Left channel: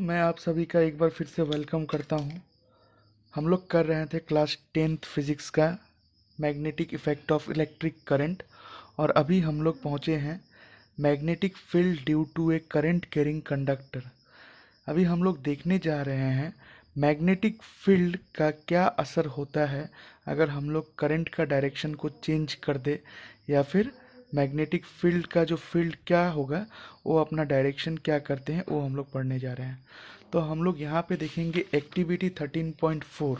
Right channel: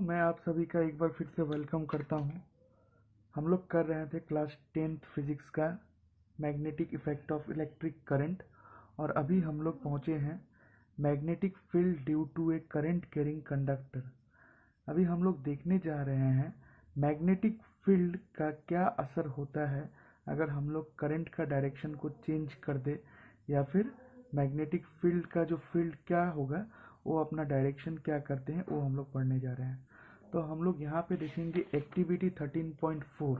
मैं आप सभी का एक बार फिर से वेलकम करता हूँ। हम लोग कर रहे थे क्लास 10th फिजिक्स का magnetic effect of electric current, और अभी हम लोग पहुँचे हैं magnetic field due to a current carrying conductor. अभी हम लोग देखने जा रहे हैं मैग्नेटिक फील्ड का क्या असर होता है अगर हम लोग करंट का डायरेक्शन को चेंज कर दे, या फिर मैग्नेटिक फील्ड का जो फील्ड क्या होगा वो अपना डायरेक्शन क्या करते हैं, वो हम लोग पढ़ने जा रहे हैं। तो हम लोग यहाँ पे देखेंगे एक्टिविटी 13.4।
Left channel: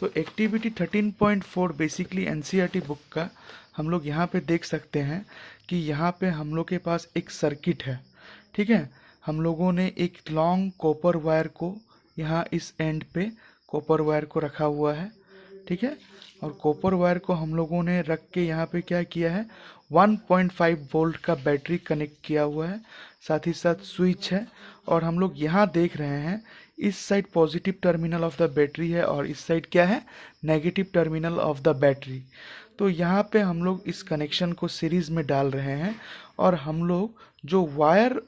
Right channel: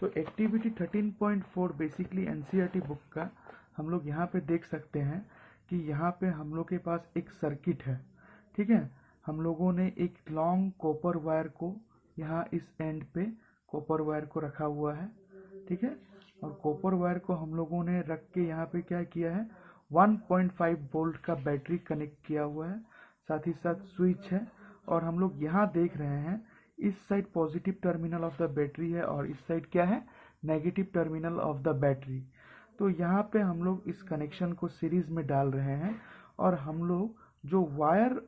तो एक्टिविटी 13.4 बेसिकली एनसीईआरटी बुक का हम लोग यहाँ पे देख सकते हैं कि यहाँ पे हम लोग के पास एक सर्किट है। ठीक है, हम लोगों ने एक लॉन्ग कॉपर वायर को यहाँ इस एंड पे कॉपर वायर को रखा हुआ है। ठीक है, और कॉपर वायर को हम लोगों ने रख के यहाँ पे क्या किया है, 1.5 वोल्ट का बैटरी कनेक्ट किया हुआ है, साथ ही साथ स्विच है। और हम लोग यहाँ देख रहे हैं इस side positive terminal of the battery है और इस साइड क्या है, negative terminal of the battery. तो यहाँ पे हम लोग इस कनेक्शन को सीरीज में डाल रहे हैं, और हम लोग जो वायर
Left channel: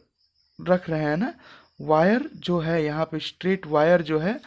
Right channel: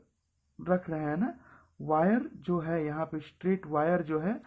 रख रहे हैं ना, वायर जो है यहाँ पे स्ट्रेट वायर जो है,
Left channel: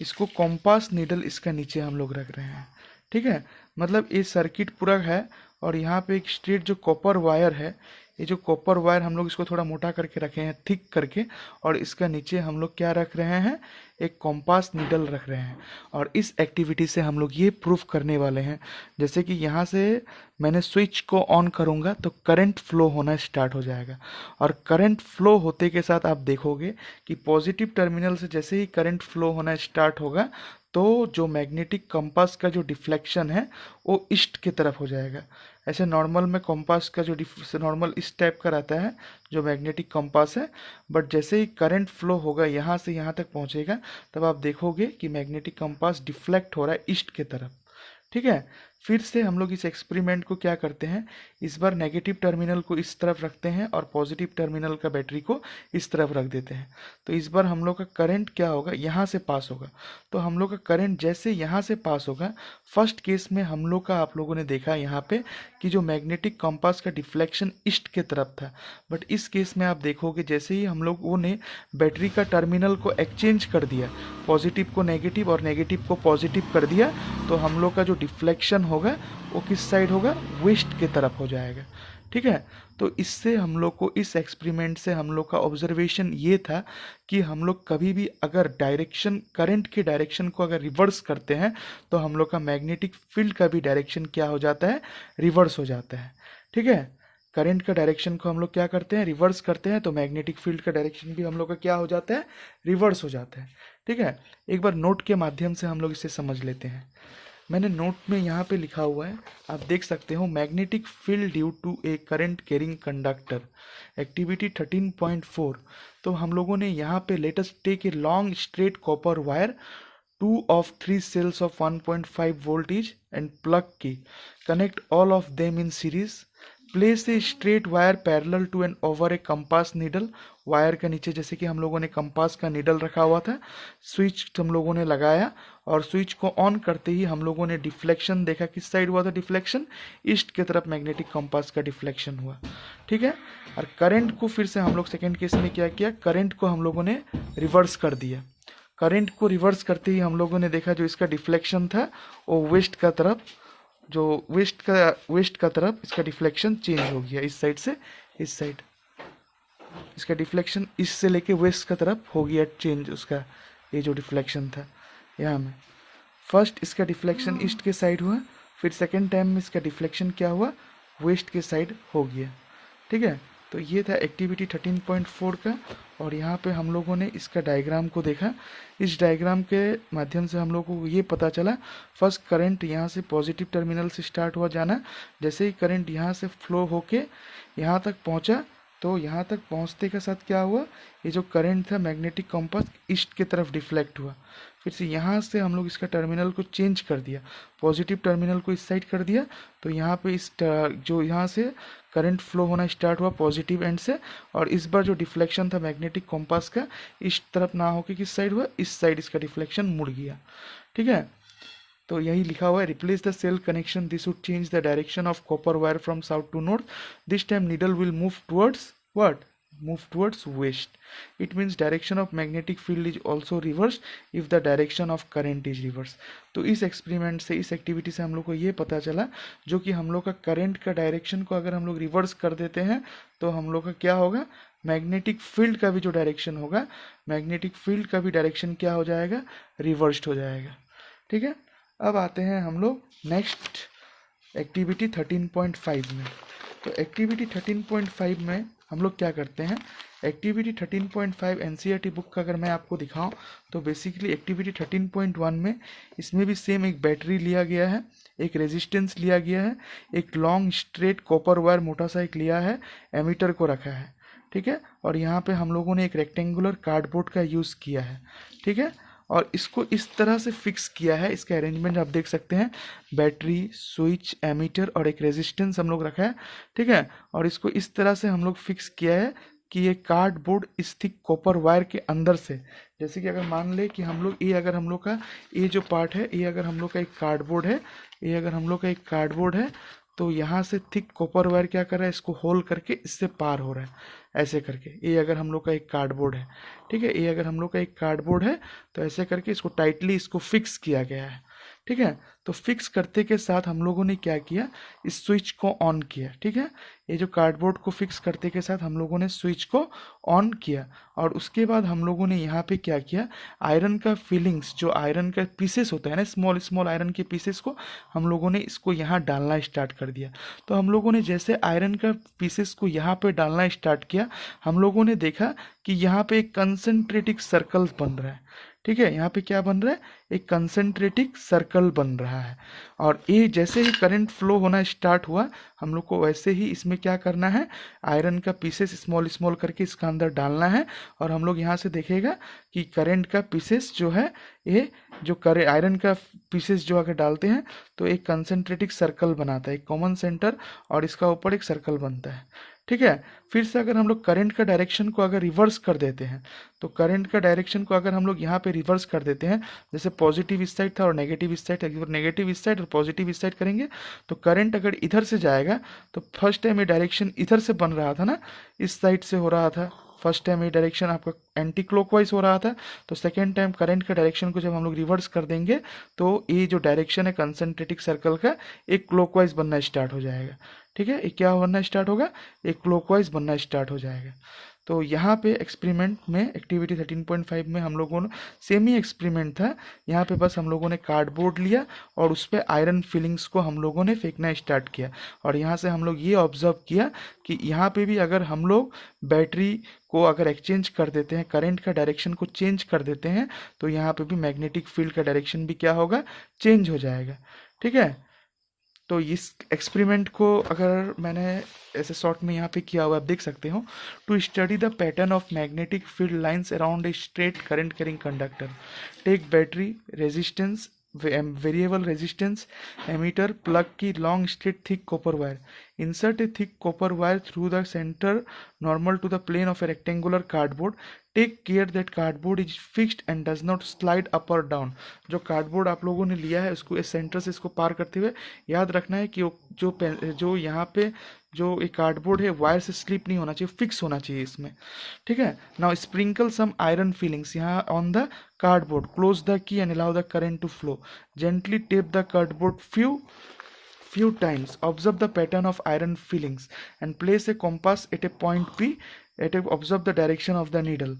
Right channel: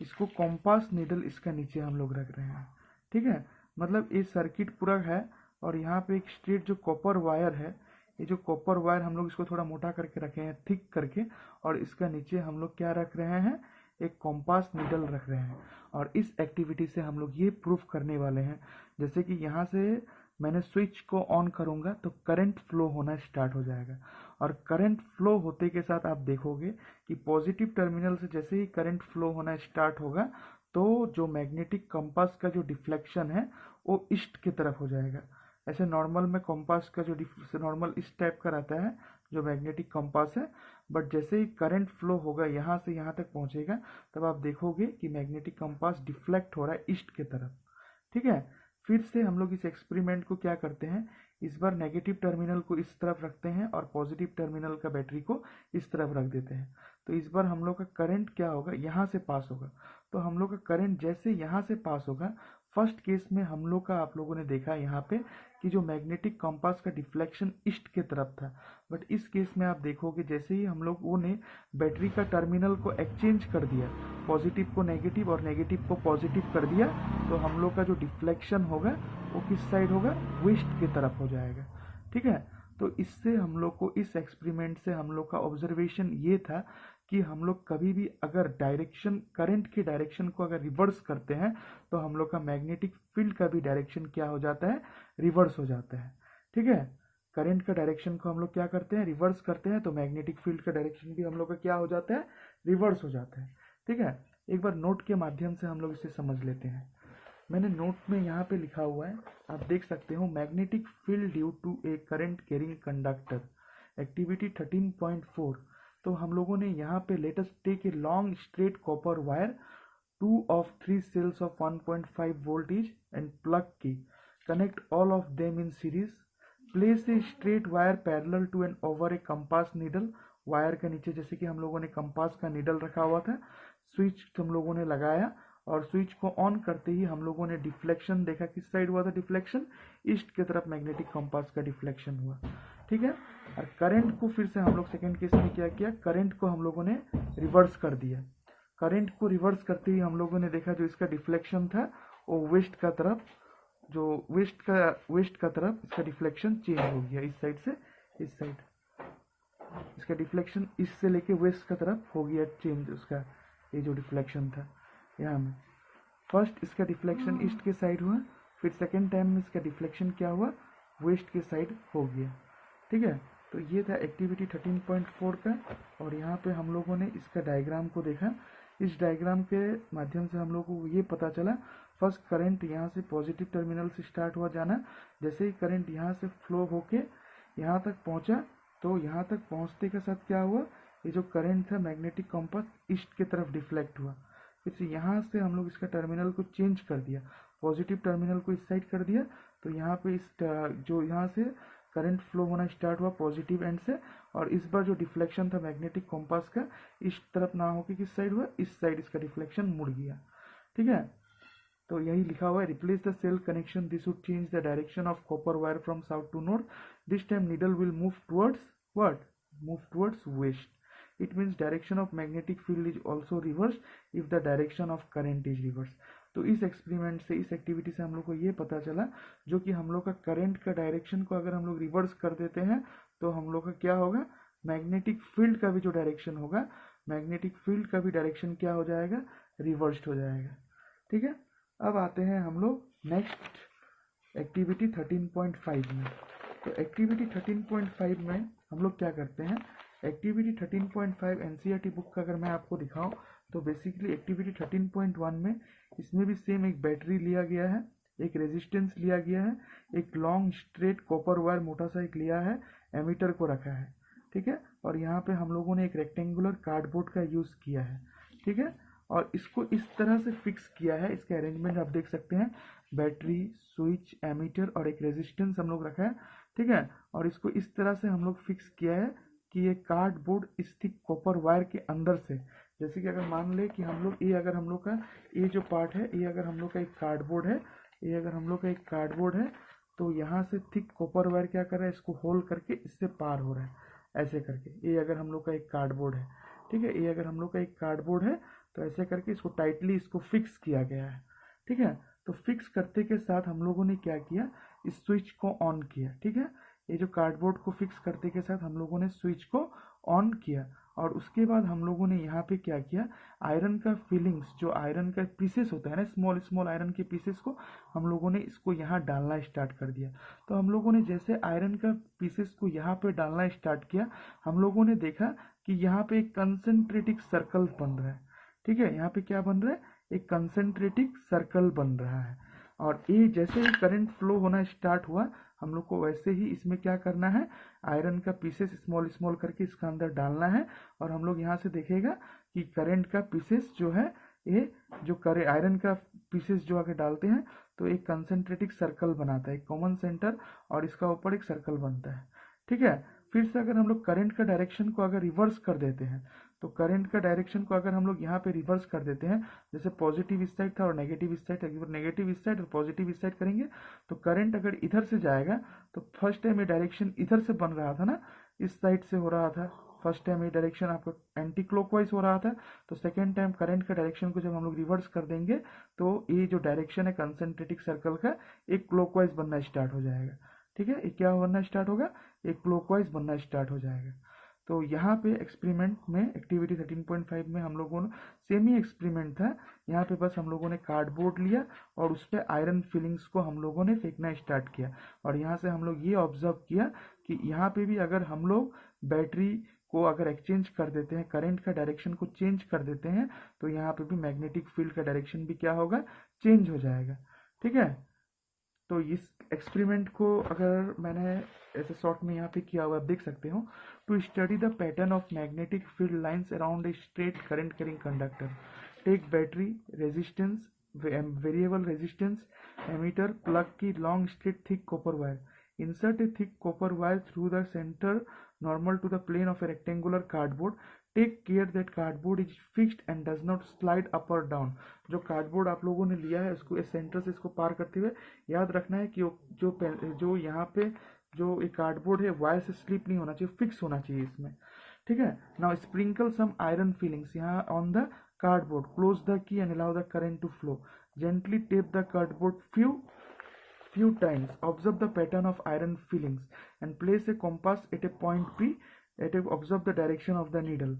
इसको कॉम्पास नीडल इसका नीचे हम लोग रख रहे हैं। ठीक है, मतलब ये सर्किट पूरा है, और यहाँ पे एक स्ट्रेट जो कॉपर वायर है, ये जो कॉपर वायर हम लोग इसको थोड़ा मोटा करके रखे हैं, थिक करके, और इसका नीचे हम लोग क्या रख रहे हैं, एक कॉम्पास नीडल रख रहे हैं। और इस एक्टिविटी से हम लोग ये प्रूफ करने वाले हैं, जैसे कि यहाँ से मैंने स्विच को ऑन करूँगा तो करंट फ्लो होना स्टार्ट हो जाएगा, और करंट फ्लो होते के साथ आप देखोगे कि पॉजिटिव टर्मिनल से जैसे ही करंट फ्लो होना स्टार्ट होगा तो जो मैग्नेटिक कंपास का जो डिफ्लेक्शन है वो ईस्ट की तरफ हो जाएगा। ऐसे नॉर्मल में कंपास का जो नॉर्मल इस टाइप का रहता है जो मैग्नेटिक कंपास है, बट जैसे ही करंट फ्लो होगा यहाँ से यहाँ तक पहुँचेगा, तब आप देखोगे कि मैग्नेटिक कंपास डिफ्लेक्ट हो रहा है ईस्ट की तरफ। ठीक है, फिर से हम लोग इस एक्सपेरिमेंट को क्या करते हैं, इस बार नेगेटिव टर्मिनल को इस तरफ रखते हैं और पॉजिटिव टर्मिनल का बैटरी को इस तरफ रख देते हैं। तो इस बार हम लोग का करंट क्या होगा, यहाँ से पास होगा। तो हम लोग का करंट जैसे यहाँ से पास होगा, फर्स्ट केस में हम लोग का आप लोगों ने देखा यहाँ पे कि जो मैग्नेटिक कंपास का डिफ्लेक्शन ईस्ट के तरफ था, बट इस केस में आप देखोगे जैसे ही हम लोगों ने बैटरी का टर्मिनल को एक्सचेंज कर दिया, पॉजिटिव को नेगेटिव और नेगेटिव को पॉजिटिव कर दिया, तो हम लोग का जो डिफ्लेक्शन होगा वो किस साइड होगा, वेस्ट की तरफ हो जाएगा। ठीक है, तो इससे हम लोग को इस एक्सपेरिमेंट से हम लोग का ऑब्जर्वेशन ये था कि हम लोग कभी भी अगर डायरेक्शन करंट के डायरेक्शन को अगर रिवर्स करते हैं तो हम लोग का मैग्नेटिक फील्ड का भी डायरेक्शन क्या हो जाता है, रिवर्स हो जाता है। ठीक है, करंट का डायरेक्शन को हम लोग क्या करते हैं, रिवर्स करते हैं, तो मैग्नेटिक फील्ड का डायरेक्शन भी हम लोग का क्या हो जाता है, रिवर्स हो जाता है। ठीक है, एक बार नोट के माध्यम से हम लोग इसे समझ लेते हैं। मैंने नोट में यहाँ पे लिखा हुआ है, आप देख सकते हो, magnetic field due to a current carrying conductor, activity 13.4। तो हम लोगों ने यहाँ पे let us take a long straight copper wire, two of three cells of 1.5 volt each and plug key, connect all of them in series, place a straight wire parallel to and over a compass needle, wire के नीचे जैसे कि हम लोगों ने compass का needle रखा हुआ था, स्विच हम लोगों ने लगाया, और स्विच को ऑन करते ही हम लोगों ने डिफ्लेक्शन देखा, किस साइड हुआ था डिफ्लेक्शन, ईस्ट की तरफ मैग्नेटिक कंपास का डिफ्लेक्शन हुआ। ठीक है, और करंट को फिर से हम लोग सेकेंड केस में क्या किया, करंट को हम लोगों ने रिवर्स कर दिया। करंट को रिवर्स करते ही हम लोगों ने देखा जो इसका डिफ्लेक्शन था वो वेस्ट का तरफ, जो वेस्ट का तरफ इसका डिफ्लेक्शन चेंज हो गया, इस साइड से इस साइड इसका डिफ्लेक्शन इस से लेके वेस्ट का तरफ हो गया चेंज उसका। ये जो डिफ्लेक्शन था यहाँ में, फर्स्ट इसका डिफ्लेक्शन ईस्ट के साइड हुआ, फिर सेकेंड टाइम में इसका डिफ्लेक्शन क्या हुआ, वेस्ट के साइड हो गया। ठीक है, तो ये था एक्टिविटी 13.4 का, और यहाँ पे हम लोगों ने इसका डायग्राम को देखा। इस डायग्राम के माध्यम से हम लोगों को ये पता चला, फर्स्ट करंट यहाँ से पॉजिटिव टर्मिनल से स्टार्ट हुआ जाना, जैसे ही करंट यहाँ से फ्लो होके यहाँ तक पहुँचा, तो यहाँ तक पहुँचते के साथ क्या हुआ, ये जो करंट था मैग्नेटिक कंपास ईस्ट की तरफ डिफ्लेक्ट हुआ। फिर से यहाँ से हम लोग इसका टर्मिनल को चेंज कर दिया, पॉजिटिव टर्मिनल को इस साइड कर दिया, तो यहाँ पे इस जो यहाँ से करंट फ्लो होना स्टार्ट हुआ पॉजिटिव एंड से, और इस बार जो डिफ्लेक्शन था मैग्नेटिक कंपास का इस तरफ ना होके किस साइड हुआ, इस साइड इसका डिफ्लेक्शन मुड़ गया। ठीक है, तो यही लिखा हुआ है, replace the cell connection, this would change the direction of copper wire from south to north, this time needle will move towards what, move towards west. It means direction of magnetic field is also reversed if the direction of current is reversed. तो इस experiment से, इस activity से हम लोग को ये पता चला जो कि हम लोग का करंट का डायरेक्शन को अगर हम लोग रिवर्स कर देते हैं तो हम लोग का क्या होगा, मैग्नेटिक फील्ड का भी जो डायरेक्शन होगा, मैग्नेटिक फील्ड का भी डायरेक्शन क्या हो जाएगा, रिवर्स्ड हो जाएगा। ठीक है, अब आते हैं हम लोग नेक्स्ट एक्टिविटी 13.5 में। तो एक्टिविटी 13.5 में हम लोग क्या करते हैं, एक्टिविटी 13.5 एनसीईआरटी बुक का अगर मैं आपको दिखाऊं तो बेसिकली एक्टिविटी 13.1 में इसमें भी सेम एक बैटरी लिया गया है, एक रेजिस्टेंस लिया गया है, एक लॉन्ग स्ट्रेट कॉपर वायर मोटा सा एक लिया है, एमीटर को रखा है। ठीक है, और यहाँ पे हम लोगों ने एक रेक्टेंगुलर कार्डबोर्ड का यूज़ किया है। ठीक है, और इसको इस तरह से फिक्स किया है, इसका अरेंजमेंट आप देख सकते हैं, बैटरी, स्विच, एमीटर और एक रेजिस्टेंस हम लोग रखा है। ठीक है, और इसको इस तरह से हम लोग फिक्स किया है कि ये कार्डबोर्ड इस थिक कॉपर वायर के अंदर से, जैसे कि अगर मान ले कि हम लोग ये, अगर हम लोग का ये जो पार्ट है, ये अगर हम लोग का एक कार्डबोर्ड है, ये अगर हम लोग का एक कार्डबोर्ड है, तो यहाँ से थिक कॉपर वायर क्या कर रहा है, इसको होल्ड करके इससे पार हो रहा है ऐसे करके। ये अगर हम लोग का एक कार्डबोर्ड है, ठीक है, ये अगर हम लोग का एक कार्डबोर्ड है तो ऐसे करके इसको टाइटली इसको फिक्स किया गया है। ठीक है, तो फिक्स करते के साथ हम लोगों ने क्या किया, इस स्विच को ऑन किया। ठीक है, ये जो कार्डबोर्ड को फिक्स करते के साथ हम लोगों ने स्विच को ऑन किया, और उसके बाद हम लोगों ने यहाँ पे क्या किया, आयरन का फिलिंग्स, जो आयरन का पीसेस होता है ना, स्मॉल स्मॉल आयरन के पीसेस को हम लोगों ने इसको यहाँ डालना स्टार्ट कर दिया। तो हम लोगों ने जैसे आयरन का पीसेस को यहाँ पे डालना स्टार्ट किया, हम लोगों ने देखा कि यहाँ पे एक कंसंट्रेटिक सर्कल बन रहा है। ठीक है, यहाँ पे क्या बन रहा है, एक कंसंट्रेटिक सर्कल बन रहा है। और ये जैसे ही करंट फ्लो होना स्टार्ट हुआ, हम लोग को वैसे ही इसमें क्या करना है, आयरन का पीसेस स्मॉल स्मॉल करके इसका अंदर डालना है, और हम लोग यहाँ से देखेगा कि करंट का पीसेस जो है, ये जो करे आयरन का पीसेस जो अगर डालते हैं तो एक कंसंट्रेटिक सर्कल बनाता है, एक कॉमन सेंटर, और इसका ऊपर एक सर्कल बनता है। ठीक है, फिर से अगर हम लोग करंट का डायरेक्शन को अगर रिवर्स कर देते हैं, तो करंट का डायरेक्शन को अगर हम लोग यहाँ पे रिवर्स कर देते हैं, जैसे पॉजिटिव इस साइड था और नेगेटिव इस साइड था, अगर नेगेटिव इस साइड और पॉजिटिव इस साइड करेंगे तो करंट अगर इधर से जाएगा, तो फर्स्ट टाइम ये डायरेक्शन इधर से बन रहा था ना, इस साइड से हो रहा था, फर्स्ट टाइम ये डायरेक्शन आपका एंटी क्लॉकवाइज हो रहा था, तो सेकेंड टाइम करंट का डायरेक्शन को जब हम लोग रिवर्स कर देंगे तो ये जो डायरेक्शन है कंसंट्रेटिक सर्कल का, एक क्लॉकवाइज बनना स्टार्ट हो जाएगा। ठीक है, ये क्या बनना स्टार्ट होगा, एक क्लॉकवाइज बनना स्टार्ट हो जाएगा। तो यहाँ पे एक्सपेरिमेंट में एक्टिविटी 13.5 में हम लोगों ने सेम ही एक्सपेरिमेंट था, यहाँ पे बस हम लोगों ने कार्डबोर्ड लिया और उस पर आयरन फिलिंग्स को हम लोगों ने फेंकना स्टार्ट किया, और यहाँ से हम लोग ये ऑब्जर्व किया कि यहाँ पे भी अगर हम लोग बैटरी को अगर एक्सचेंज कर देते हैं, करंट का डायरेक्शन को चेंज कर देते हैं, तो यहाँ पे भी मैग्नेटिक फील्ड का डायरेक्शन भी क्या होगा, चेंज हो जाएगा। ठीक है, तो इस एक्सपेरिमेंट को अगर मैंने ऐसे शॉर्ट में यहाँ पे किया हुआ आप देख सकते हो, to study the pattern of magnetic field lines around a straight current carrying conductor, take battery, resistance, variable resistance, ammeter, plug key long straight thick copper wire, insert a thick copper wire through the center normal to the plane of a rectangular cardboard, take care that cardboard is fixed and does not slide up और down. जो cardboard आप लोगों ने लिया है उसको इस centre से इसको पार करते हुए याद रखना है कि जो यहाँ पे जो एक कार्डबोर्ड है वायर से स्लिप नहीं होना चाहिए, फिक्स होना चाहिए इसमें। ठीक है, now sprinkle some iron filings यहाँ on the cardboard, close the key and allow the current to flow, gently tap the cardboard few times, observe the pattern of iron fillings and place a compass at a point P, observe the direction of the needle।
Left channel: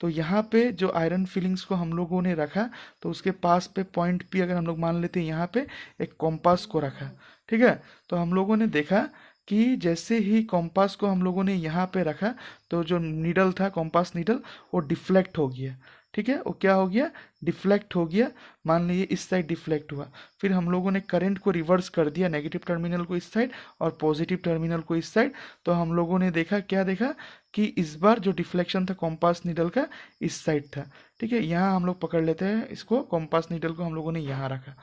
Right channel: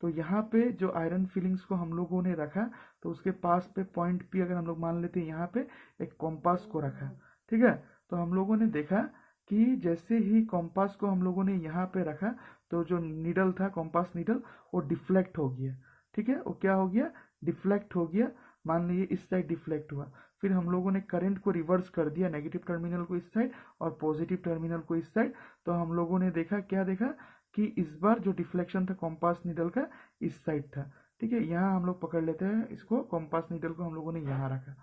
तो यहाँ पे जो iron filings को हम लोगों ने रखा, तो उसके पास पे पॉइंट पी अगर हम लोग मान लेते हैं, यहाँ पे एक कॉम्पास को रखा। ठीक है, तो हम लोगों ने देखा कि जैसे ही कॉम्पास को हम लोगों ने यहाँ पे रखा, तो जो नीडल था, कॉम्पास नीडल, वो डिफ्लेक्ट हो गया। ठीक है, वो क्या हो गया, डिफ्लेक्ट हो गया, मान लीजिए इस साइड डिफ्लेक्ट हुआ। फिर हम लोगों ने करंट को रिवर्स कर दिया, नेगेटिव टर्मिनल को इस साइड और पॉजिटिव टर्मिनल को इस साइड। तो हम लोगों ने देखा, क्या देखा कि इस बार जो डिफ्लेक्शन था कॉम्पास नीडल का इस साइड था। ठीक है, यहाँ हम लोग पकड़ लेते हैं इसको, कॉम्पास नीडल को हम लोगों ने यहाँ रखा।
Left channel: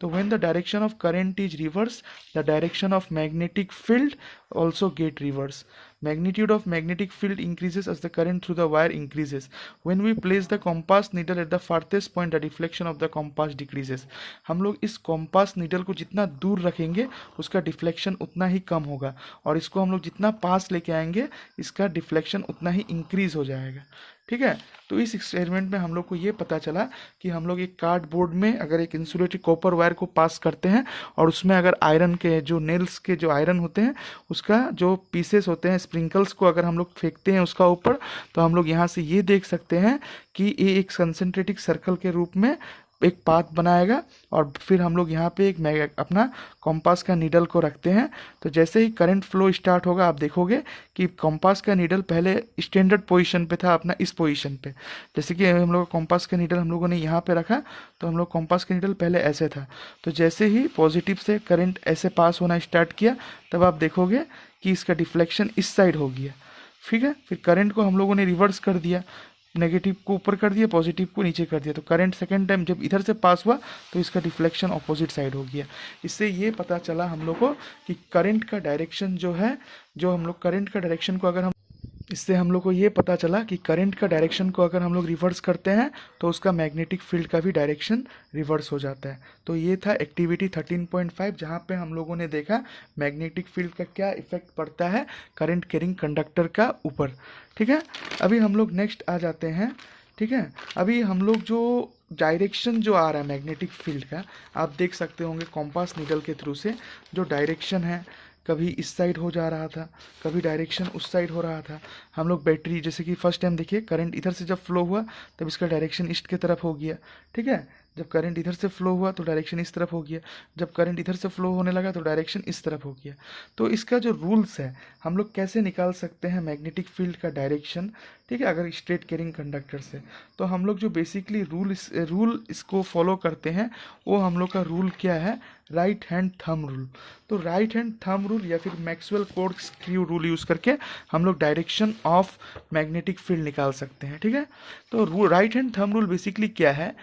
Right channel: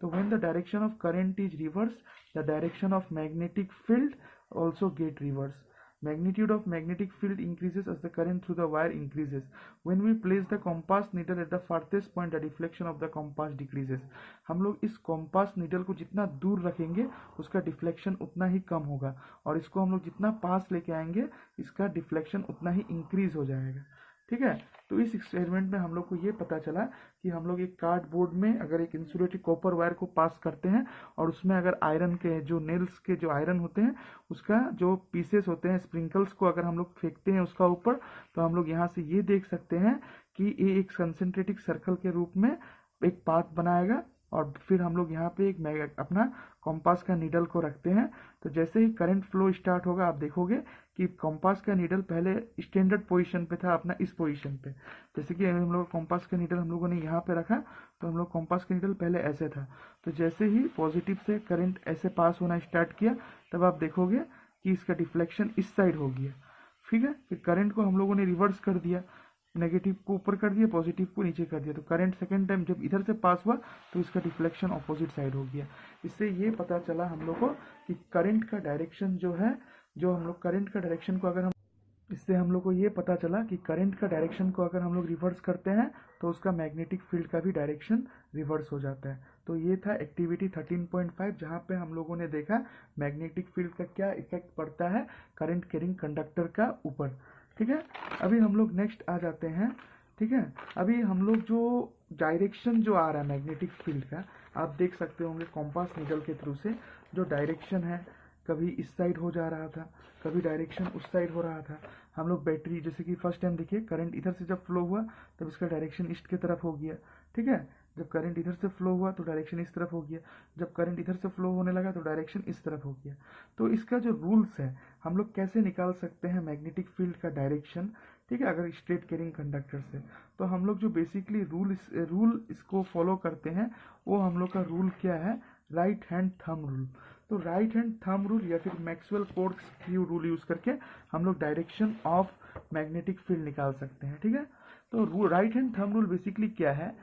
तो when the direction of current is reverse, the direction of magnetic field also get reverse. Magnitude of magnetic field increases as the current through the wire increases. When we place the compass needle at the farthest point, the deflection of the compass decreases. हम लोग इस compass needle को जितना दूर रखेंगे उसका deflection उतना ही कम होगा, और इसको हम लोग जितना पास लेके आएंगे इसका डिफ्लेक्शन उतना ही इंक्रीज हो जाएगा। ठीक है, तो इस एक्सपेरिमेंट में हम लोग को ये पता चला कि हम लोग एक कार्डबोर्ड में अगर एक इंसुलेटेड कॉपर वायर को पास करते हैं और उसमें अगर आयरन के जो नेल्स के जो आयरन होते हैं उसका जो पीसेस होते हैं स्प्रिंकल्स को अगर हम लोग फेंकते हैं उसका ऊपर, तो हम लोग यहाँ से ये देख सकते हैं कि ये एक कंसेंट्रेटिक सर्कल के रूप में एक पाथ बनाएगा, और फिर हम लोग यहाँ पे एक अपना कॉम्पास का नीडल को रखते हैं। तो जैसे ही करंट फ्लो स्टार्ट होगा आप देखोगे कि कॉम्पास का नीडल पहले स्टैंडर्ड पोजीशन पे था अपना इस पोजीशन पे। जैसे कि हम लोग कॉम्पास का नीडल हम लोगों ने यहाँ पे रखा, तो हम लोग कॉम्पास का नीडल पहले ऐसे था, तो जैसे ही पॉजिटिव से करंट ऐसे पास होना स्टार्ट किया तब आप देखोगे कि इसका डिफ्लेक्शन इस साइड हो गया। ठीक है, फिर करंट को हम लोगों ने रिवर्स कर दिया, नेगेटिव को ऊपर कर दिया, पॉजिटिव को नीचे कर दिया, तो करंट सेकेंड टाइम जब इधर से पास हुआ तो इसका डिफ्लेक्शन ऑपोजिट साइड हो गया। इससे ये पता चला हम लोग को कि करंट का डायरेक्शन जो है, जो हम लोग करंट का डायरेक्शन को अगर हम इससे हम लोग को ये पता चला कि करंट का डायरेक्शन को अगर हम लोग रिवर्स करते हैं तो उसका मैग्नेटिक फील्ड का भी डायरेक्शन रिवर्स हो जाता है। तो ये था एक्टिविटी 13.5, जहाँ पे हम लोगों ने देखा मैग्नेटिक फील्ड का क्या इफेक्ट पड़ता है करंट कैरिंग कंडक्टर का ऊपर। ठीक है, अभी हम लोग नेक्स्ट आ जाते हैं। ठीक है, अभी हम लोग जो डायरेक्शन जो आ रहा है मैग्नेटिक फील्ड का, आप देख सकते होंगे कॉम्पास निडल के थ्रू से जो डायरेक्शन है, कभी इस साइड हो जा रहा था, कभी डायरेक्शन उस साइड हो रहा था। हम लोग बैटरी जैसे कि फर्स्ट टाइम देखिए करंट इधर से जब फ्लो हुआ तब इसका डायरेक्शन ईस्ट की तरफ हो गया। ठीक है, जब करंट इधर से फ्लो हुआ तो डायरेक्शन इस तरफ हो गया, जब करंट इधर से फ्लो होने लगा तो डायरेक्शन इस तरफ हो गया। तो इसका जो रूल्स है हम लोग कैसे निकाल सकते हैं मैग्नेटिक फील्ड का डायरेक्शन, ठीक है, अगर स्ट्रेट कैरिंग कंडक्टर से, तो हम लोग जो बेसिकली रूल इसको फॉलो करते हैं वो हम लोग का रूल क्या है, राइट हैंड थंब रूल। तो राइट हैंड थंब रूल या फिर Maxwell corkscrew rule use करके हम लोग डायरेक्शन ऑफ मैग्नेटिक फील्ड निकाल सकते हैं। ठीक है, तो right hand thumb rule basically क्या है,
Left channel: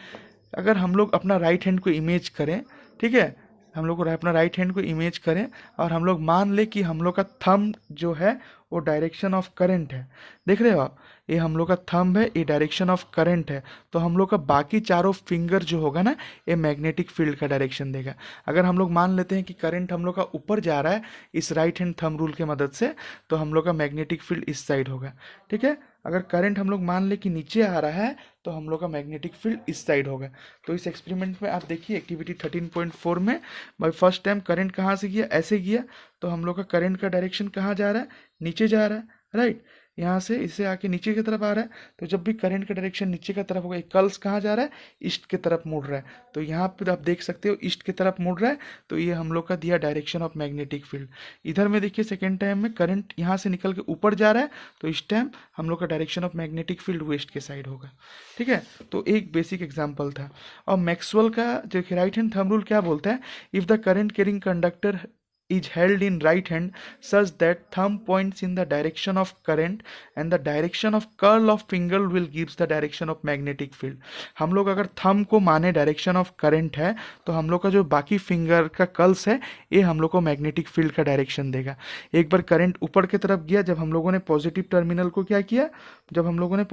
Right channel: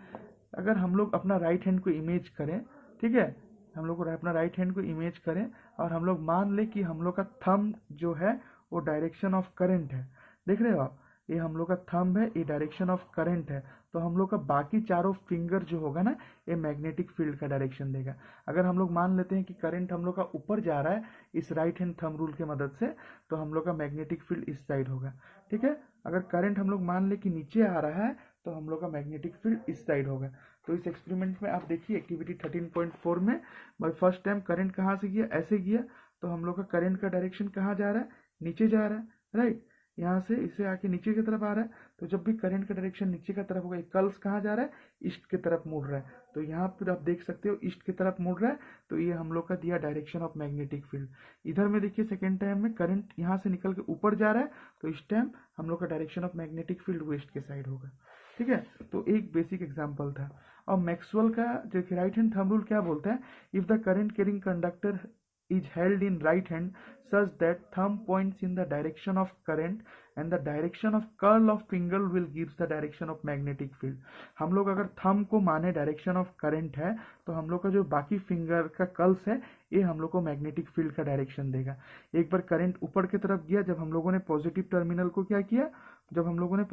अगर हम लोग अपना राइट हैंड को इमेज करें, ठीक है, हम लोग को अपना राइट हैंड को इमेज करें और हम लोग मान ले कि हम लोग का थंब जो है वो डायरेक्शन ऑफ करंट है। देख रहे हो आप, ये हम लोग का थंब है, ये डायरेक्शन ऑफ करंट है, तो हम लोग का बाकी चारों फिंगर जो होगा ना ये मैग्नेटिक फील्ड का डायरेक्शन देगा। अगर हम लोग मान लेते हैं कि करंट हम लोग का ऊपर जा रहा है इस राइट हैंड थंब रूल के मदद से, तो हम लोग का मैग्नेटिक फील्ड इस साइड होगा। ठीक है, अगर करंट हम लोग मान ले कि नीचे आ रहा है तो हम लोग का मैग्नेटिक फील्ड इस साइड होगा। तो इस एक्सपेरिमेंट में आप देखिए एक्टिविटी 13.4 में भाई फर्स्ट टाइम करंट कहाँ से गया, ऐसे गया, तो हम लोग का करंट का डायरेक्शन कहाँ जा रहा है, नीचे जा रहा है, राइट, यहाँ से इसे आके नीचे की तरफ आ रहा है। तो जब भी करंट का डायरेक्शन नीचे की तरफ होगा, कल्स कहाँ जा रहा है, ईस्ट की तरफ मुड़ रहा है, तो यहाँ पर आप देख सकते हो ईस्ट की तरफ मुड़ रहा है, तो ये हम लोग का दिया डायरेक्शन ऑफ मैग्नेटिक फील्ड। इधर में देखिए सेकेंड टाइम में करंट यहाँ से निकल के ऊपर जा रहा है, तो इस टाइम हम लोग का direction of magnetic field west के साइड होगा। ठीक है, तो एक बेसिक एग्जांपल था। और मैक्सवेल का जो राइट हैंड थंब रूल क्या बोलता है, if the current carrying conductor is held in right hand such that thumb points in the direction of current and the direction of curl of finger will gives the direction of magnetic field। हम लोग अगर thumb को माने direction of current है तो हम लोग का जो बाकी फिंगर का कर्ल्स है ये हम लोग को मैग्नेटिक फील्ड का डायरेक्शन देगा। एक बार करंट ऊपर की तरफ गया जब हम लोगों ने पॉजिटिव टर्मिनल को क्या किया, जब हम लोगों ने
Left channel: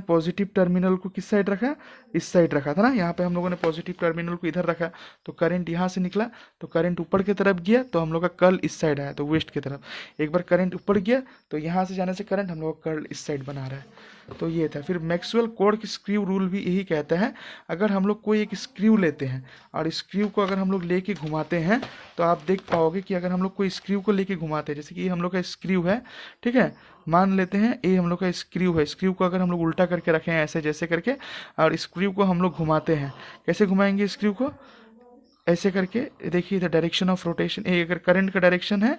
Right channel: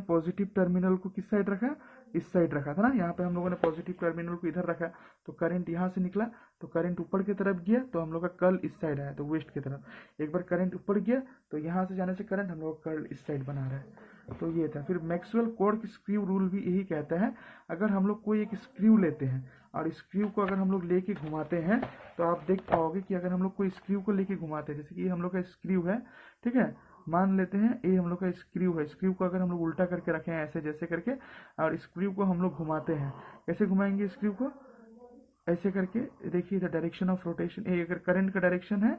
पॉजिटिव टर्मिनल को किस साइड रखा, इस साइड रखा था ना, यहाँ पे हम लोगों ने पॉजिटिव टर्मिनल को इधर रखा, तो करंट यहाँ से निकला, तो करंट ऊपर की तरफ गया तो हम लोग का कर्ल इस साइड आया, तो वेस्ट की तरफ। एक बार करंट ऊपर गया तो यहाँ से जाने से करंट हम लोग का कर्ल इस साइड बना रहा है। तो ये था। फिर मैक्सवेल कोर्ड स्क्रू रूल भी यही कहता है, अगर हम लोग कोई एक स्क्रू लेते हैं और स्क्रू को अगर हम लोग लेके घुमाते हैं तो आप देख पाओगे कि अगर हम लोग कोई स्क्रू को लेके घुमाते हैं, जैसे कि ये हम लोग का स्क्रू है, ठीक है, मान लेते हैं ये हम लोग का स्क्रू है, स्क्रू को अगर हम लोग उल्टा करके रखें ऐसे जैसे करके, और स्क्रू को हम लोग घुमाते हैं, कैसे घुमाएंगे स्क्रू को, ऐसे करके, देखिए इधर डायरेक्शन ऑफ रोटेशन, ये अगर करंट का डायरेक्शन है,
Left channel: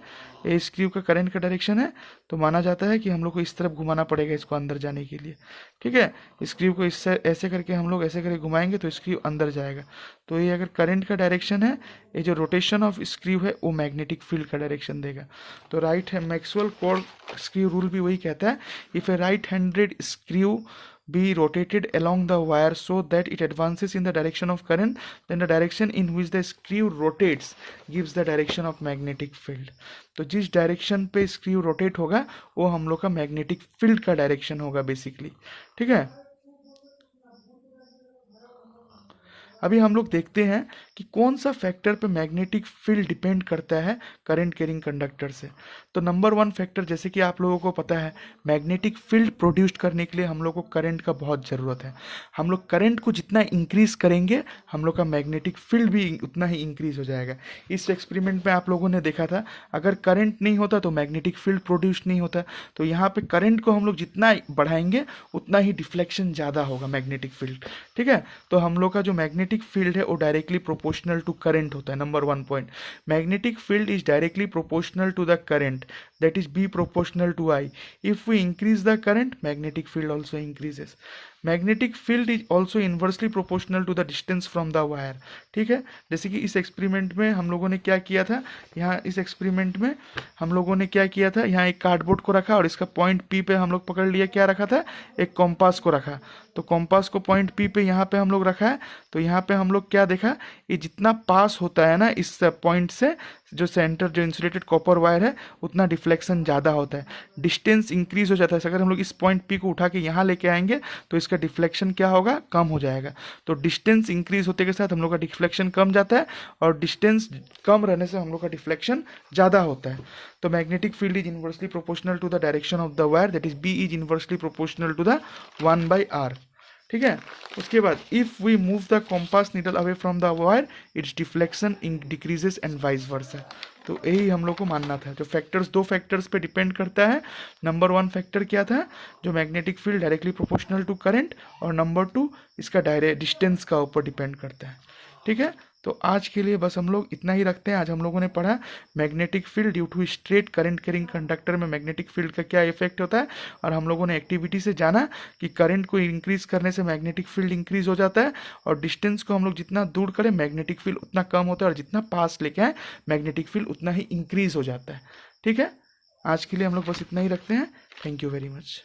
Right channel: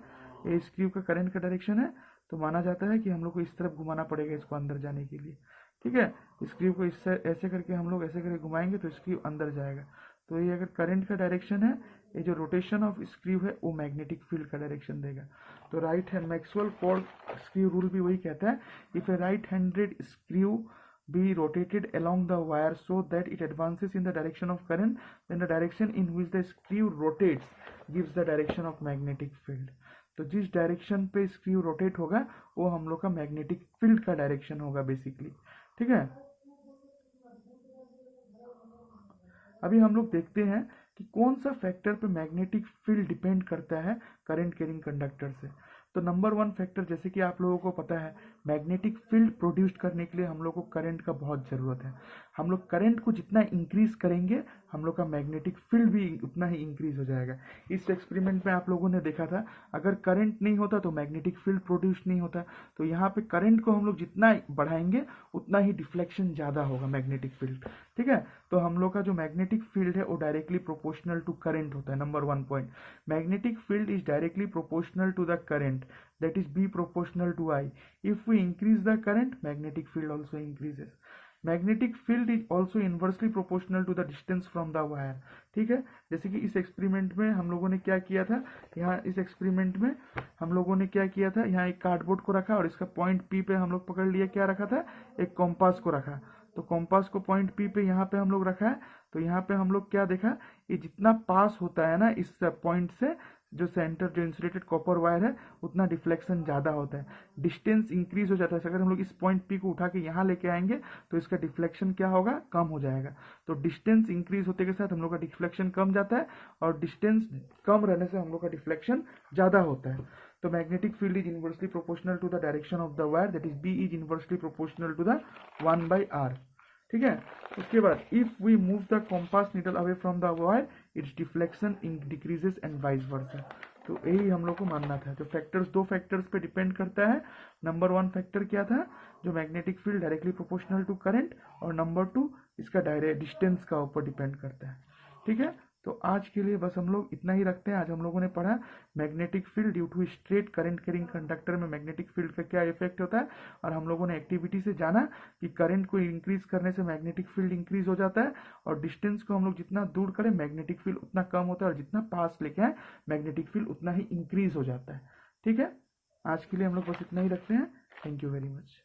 ये स्क्रू का करंट का डायरेक्शन है, तो माना जाता है कि हम लोग को इस तरफ घुमाना पड़ेगा इसको अंदर जाने के लिए। ठीक है, स्क्रू को इससे ऐसे करके हम लोग ऐसे करके घुमाएंगे तो स्क्रू अंदर जाएगा। तो ये अगर करंट का डायरेक्शन है, ये जो रोटेशन ऑफ स्क्रू है वो मैग्नेटिक फील्ड का डायरेक्शन देगा। तो राइट है मैक्सवेल कोर्ड स्क्रू रूल भी वही कहता है, if A right handed screw be rotated along the wire so that it advances in the direction of current, then the direction in which the screw rotates gives the direction of magnetic field। तो जिस direction पे screw rotate होगा वो हम लोग का magnetic field का direction होगा बेसिकली। ठीक है, अभी हम लोग देखते हैं कि कौन सा फैक्टर पे मैग्नेटिक फील्ड डिपेंड करता है करंट कैरिंग कंडक्टर से। तो नंबर वन फैक्टर, जैसे कि आप लोगों को पता है, मैग्नेटिक फील्ड प्रोड्यूस करने के लिए हम लोग को करंट का बहुत ज़रूरत है। हम लोग करंट को जितना इंक्रीज करेंगे हम लोग का मैग्नेटिक फील्ड भी उतना ही इंक्रीज हो जाएगा। इस एक्सपेरिमेंट में आप लोगों ने देखा था, अगर करंट नहीं होता तो मैग्नेटिक फील्ड प्रोड्यूस नहीं होता। तो यहाँ पे करंट को हम लोग जितना बढ़ाएंगे उतना ही डिफ्लेक्शन ज़्यादा होगा मैग्नेटिक फील्ड। ठीक है, तो हम लोग का जो मैग्नेटिक फील्ड है वो डायरेक्टली प्रोपोर्शनल टू करंट होता है। Number one point, magnetic field is directly proportional to the current, that is B proportional to I. If we increase the current, magnetic field also increases. Magnetic field is also inversely proportional to the distance from the wire. ठीक है, जैसे कि इस experiment में हम लोगों ने क्या किया था, यहाँ इस एक्सपेरिमेंट में हम लोगों ने क्या किया था, यहाँ एक कार्डबोर्ड को रखा और इसका पॉइंट पी पे हम लोग पकड़ लिया, क्या रखा था, एक कॉम्पास को रखा। तो कॉम्पास को पॉइंट पी पे यहाँ पे हम लोग रखा है। तो यहाँ पे हम लोग क्या देखा, ये जितना पास होता है ना इस पॉइंट से, जो सेंटर जो इंसुलेटेड कॉपर वायर है, उतना डिफ्लेक्शन ज़्यादा होता है, डिस्टेंस इंक्रीज हो जाता है। अगर हम लोग इस पॉइंट पी को उठा के यहाँ लेके आएंगे तो इसका डिफ्लेक्शन क्या होगा, कम हो जाएगा। तो डिस्टेंस इंक्रीज होते के साथ हम लोग का डिफ्लेक्शन कम जाता है और डिस्टेंस कम रहने से हम लोग का डिफ्लेक्शन ज़्यादा होता है। तो magnetic field is inversely proportional to the direction of the wire, that is B is inversely proportional to the 1/r। ठीक है, उसके बाद if we move the compass needle away from the wire, its deflection decreases and vice versa. तो यही हम लोग को मानना था। जो फैक्टर्स, दो फैक्टर्स पे डिपेंड करता है। नंबर वन फैक्टर क्या था, जो magnetic field directly proportional to current, और नंबर टू इसका डायरेक्ट डिस्टेंस का ऊपर डिपेंड करता है। ठीक है, तो आज के लिए बस हम लोग इतना ही रखते हैं। आज हम लोगों ने पढ़ा magnetic field due to straight current carrying conductor में मैग्नेटिक फील्ड का क्या इफेक्ट होता है, और हम लोगों ने एक्टिविटी से जाना कि करंट को इंक्रीज करने से मैग्नेटिक फील्ड इंक्रीज हो जाता है, और डिस्टेंस को हम लोग जितना दूर करें मैग्नेटिक फील्ड उतना कम होता है, और जितना पास लेके आए मैग्नेटिक फील्ड उतना ही इंक्रीज हो जाता है। ठीक है, आज के लिए हम लोग बस इतना ही रखते हैं। Thank you very much.